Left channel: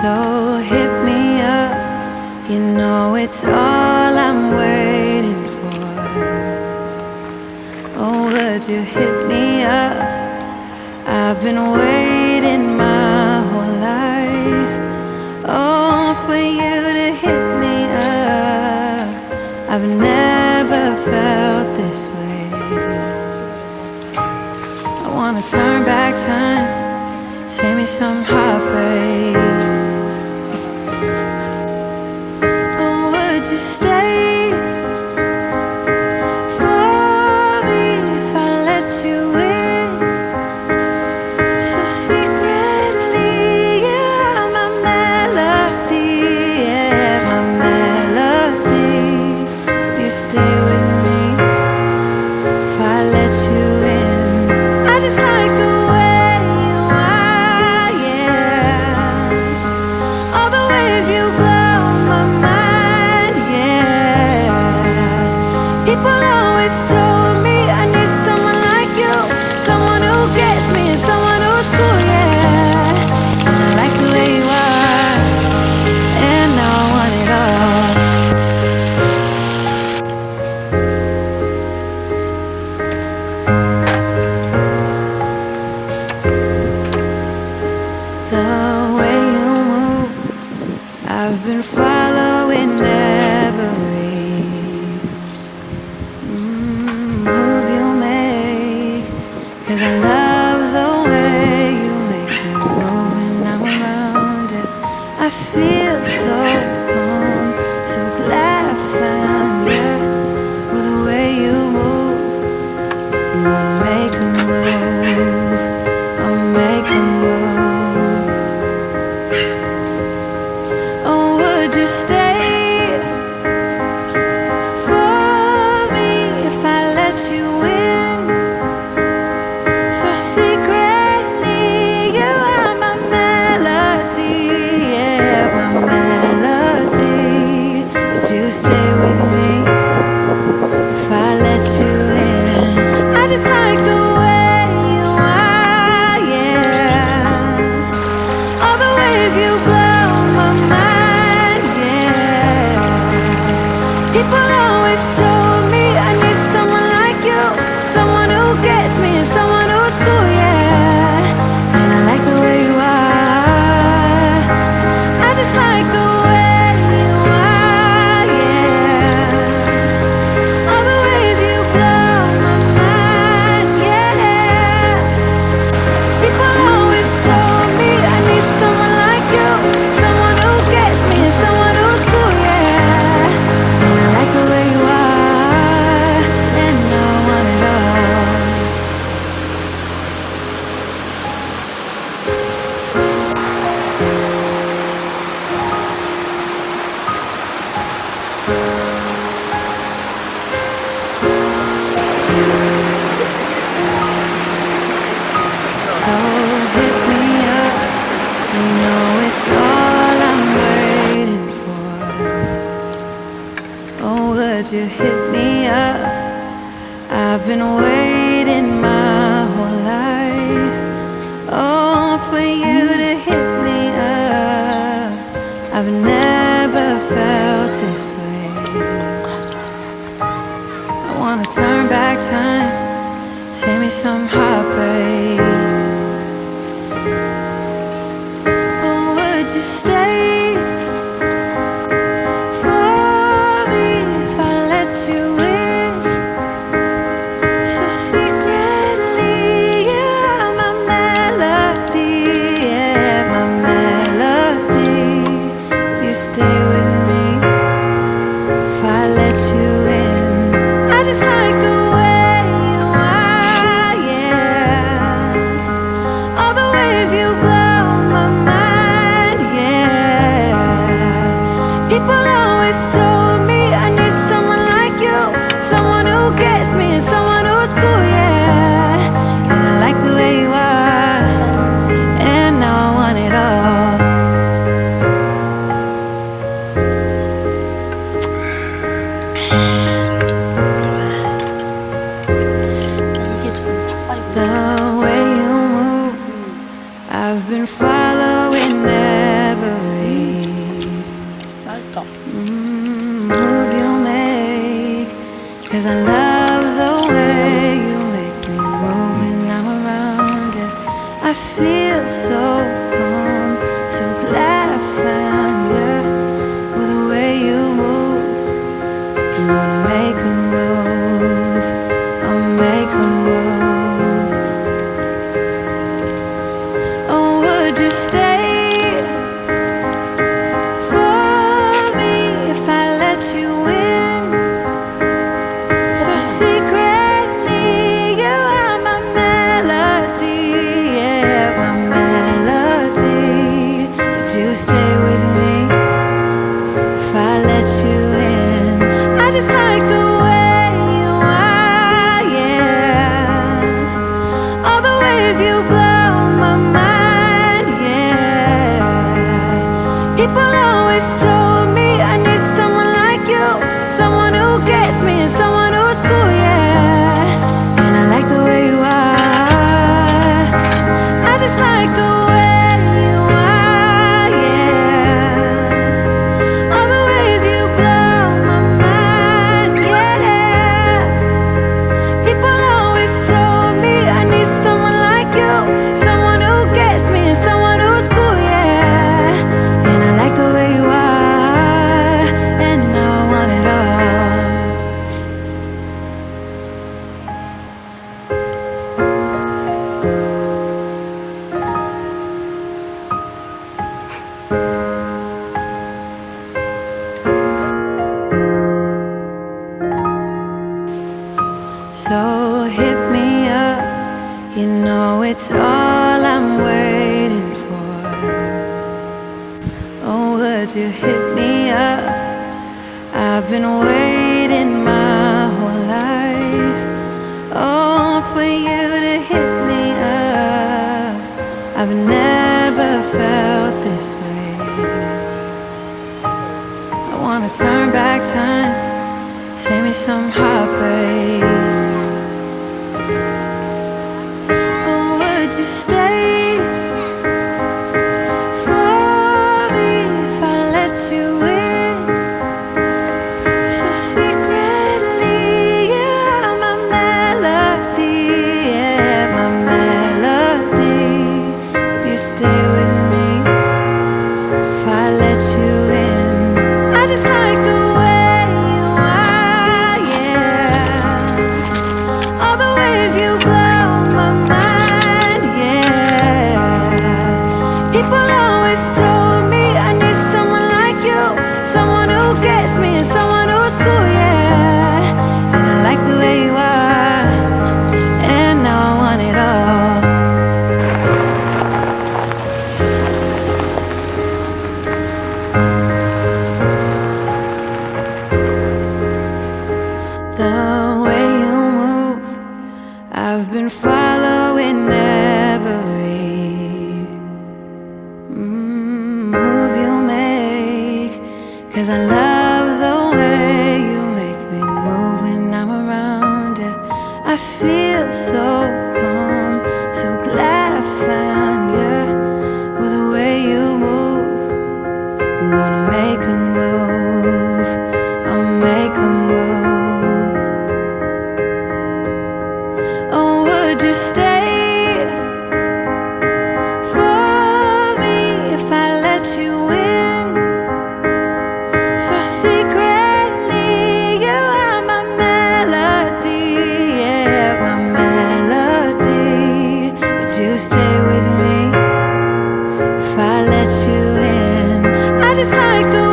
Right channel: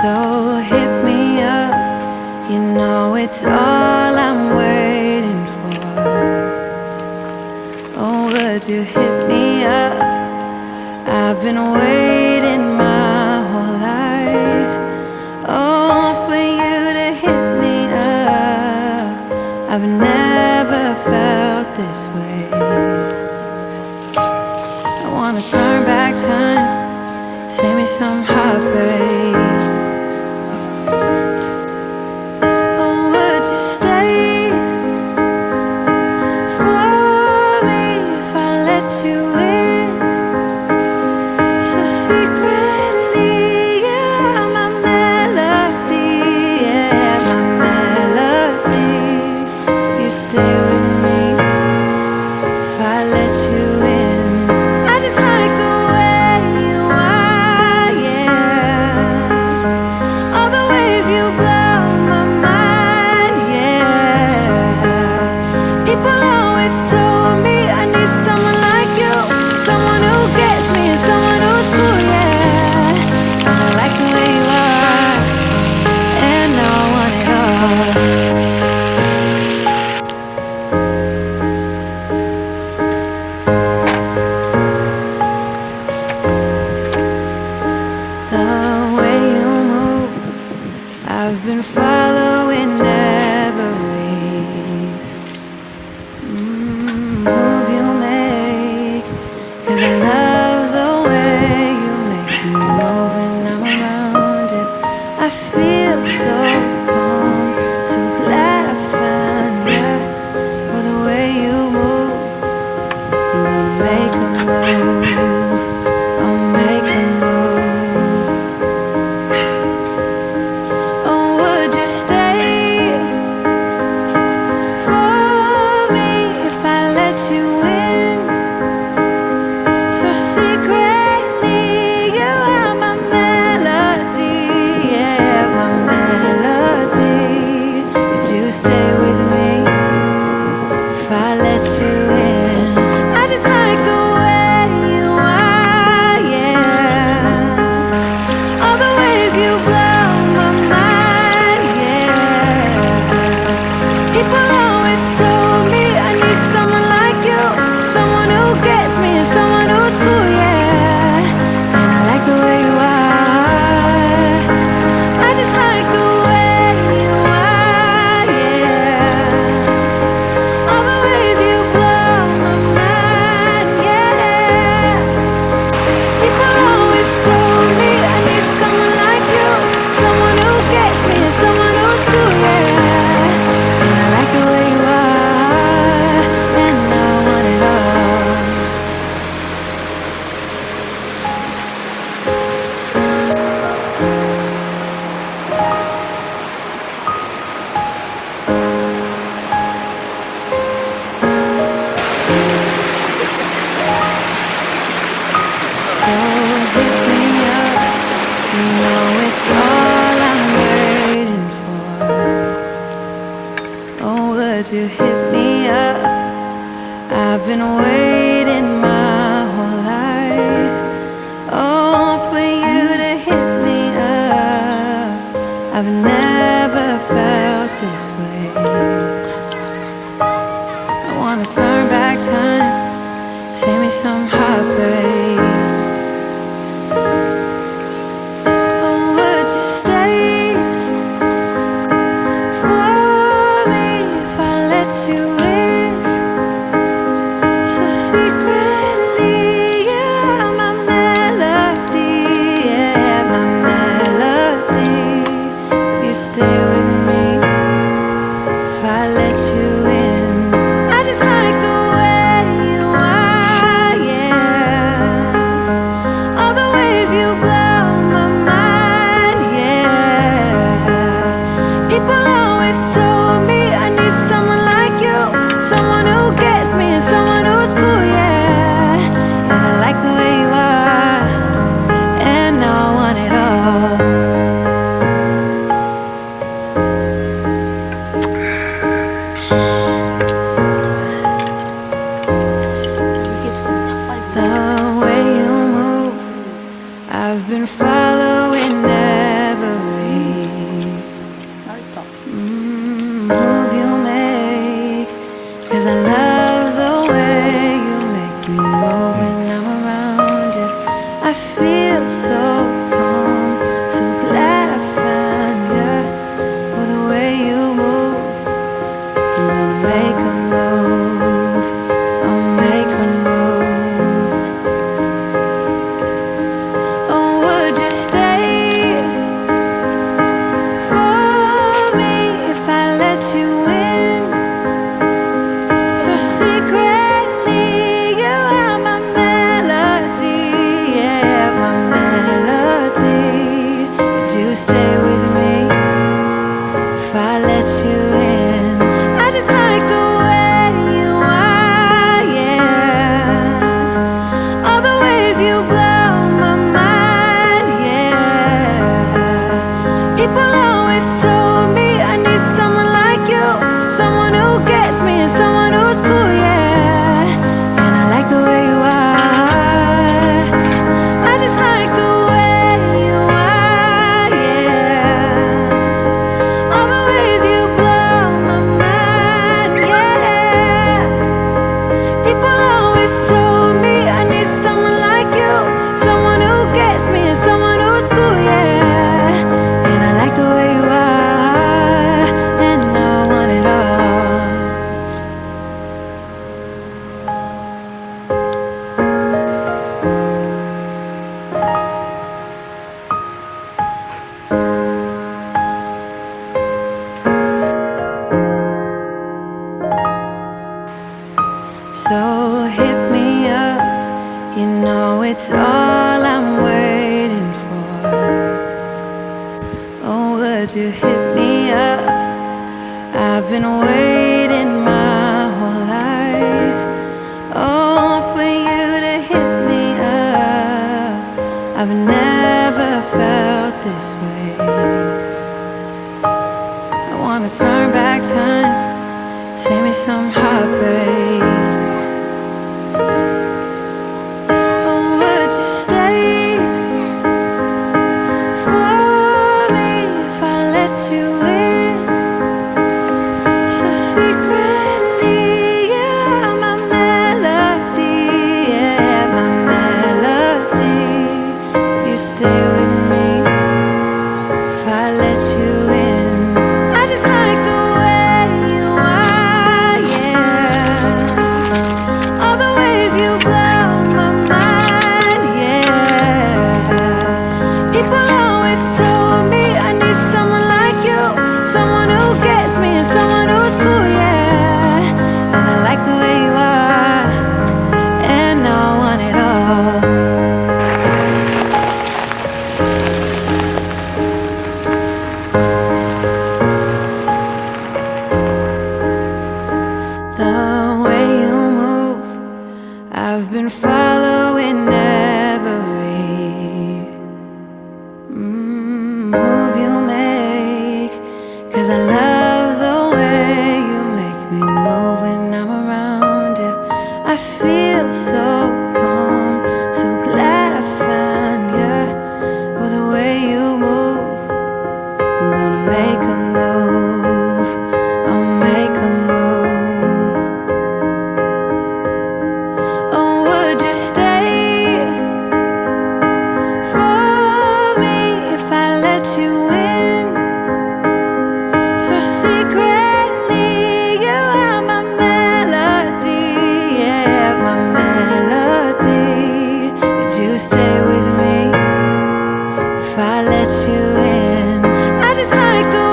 So hit me up, you know it's all I'm waiting for. Oh, would you hit me up? I've been waiting my whole life. Oh, for you to hit me up. I've never felt this way. I wanna turn back time, save me some heartbreak. Oh, would you stay for me if I let you in? So secretly, yeah, my melody, yeah, my melody. Would you stay with me if I let you in? I just like the way you are, yeah. All the ways you blow my mind, yeah. People always told me I need someone like you, someone who gets me and someone who's cool, yeah. And I like the way you are, and now I want it all. The way you move, I've been following every move you make. 'Cause I love the way you make me move when I'm around it. I feel so calm, so glad I found you. With the way you move, I'm gonna make a move, I'll make a move. Oh, would you stay for me if I let you in? So secretly, you are my melody, yeah, my melody. Would you stay with me if I let you in? I just like the way you are, yeah. All the ways you blow my mind, yeah. People always told me I need someone like you, someone who gets me and someone who's cool, yeah. And I like the way you are. I just like the way you are, yeah. All the ways you blow my mind, yeah. People always told me I need someone like you, someone who gets me and someone who's cool, yeah. And I like the way you are, and I want it all. So hit me up, you know it's all I'm waiting for. Oh, would you hit me up? I've been waiting my whole life. Oh, for you to hit me up. I've never felt this way. I wanna turn back time, save me some heartbreak. Oh, would you stay for me if I let you in? So secretly, yeah, my melody, yeah, my melody. Would you stay with me if I let you in? I just like the way you are, yeah. All the ways you blow my mind, yeah. People always told me I need someone like you, someone who gets me and someone who's cool, yeah. And I like the way you are, and now I want it all. The way you move, I've been following every 'cause I love the way you make me move when I'm around you. I feel so calm, so glad I found you. With the way you move, I'm gonna make a move, I'll make a move. Oh, would you stay for me if I let you in? So secretly, you are my melody, yeah, my melody. Would you stay with me if I let you in? I just like the way you are, yeah. All the ways you blow my mind, yeah. People always told me I need someone like you, someone who gets me and someone who's cool, yeah. And I like the way you are. I just like the way you are, yeah. All the ways you blow my mind, yeah. People always told me I need someone like you, someone who gets me and someone who's cool, yeah. And I like the way you are, and now I want it all. So hit me up, you know it's all I'm waiting for. Oh, would you hit me up? I've been waiting my whole life, oh, for you to hit me up. I've never felt this way. I wanna turn back time, save me some heartbreak. Would you stay for me if I let you in? So secretly, yeah, my melody, yeah, my melody. Would you stay with me if I let you in? I just like the way you are, yeah. All the ways you blow my mind, yeah. People always told me I need someone like you, someone who gets me and someone who's cool, yeah. And I like the way you are, and now I want it all. The way you move, I've been following every move you make, 'cause I love the way you make me move when I'm around you. I feel so calm, so glad I found you. With the way you move, I'm gonna make a move, I'll make a move. Oh, would you stay for me if I let you in? So secretly, you are my melody, yeah, my melody. Would you stay with me if I let you in? I just like the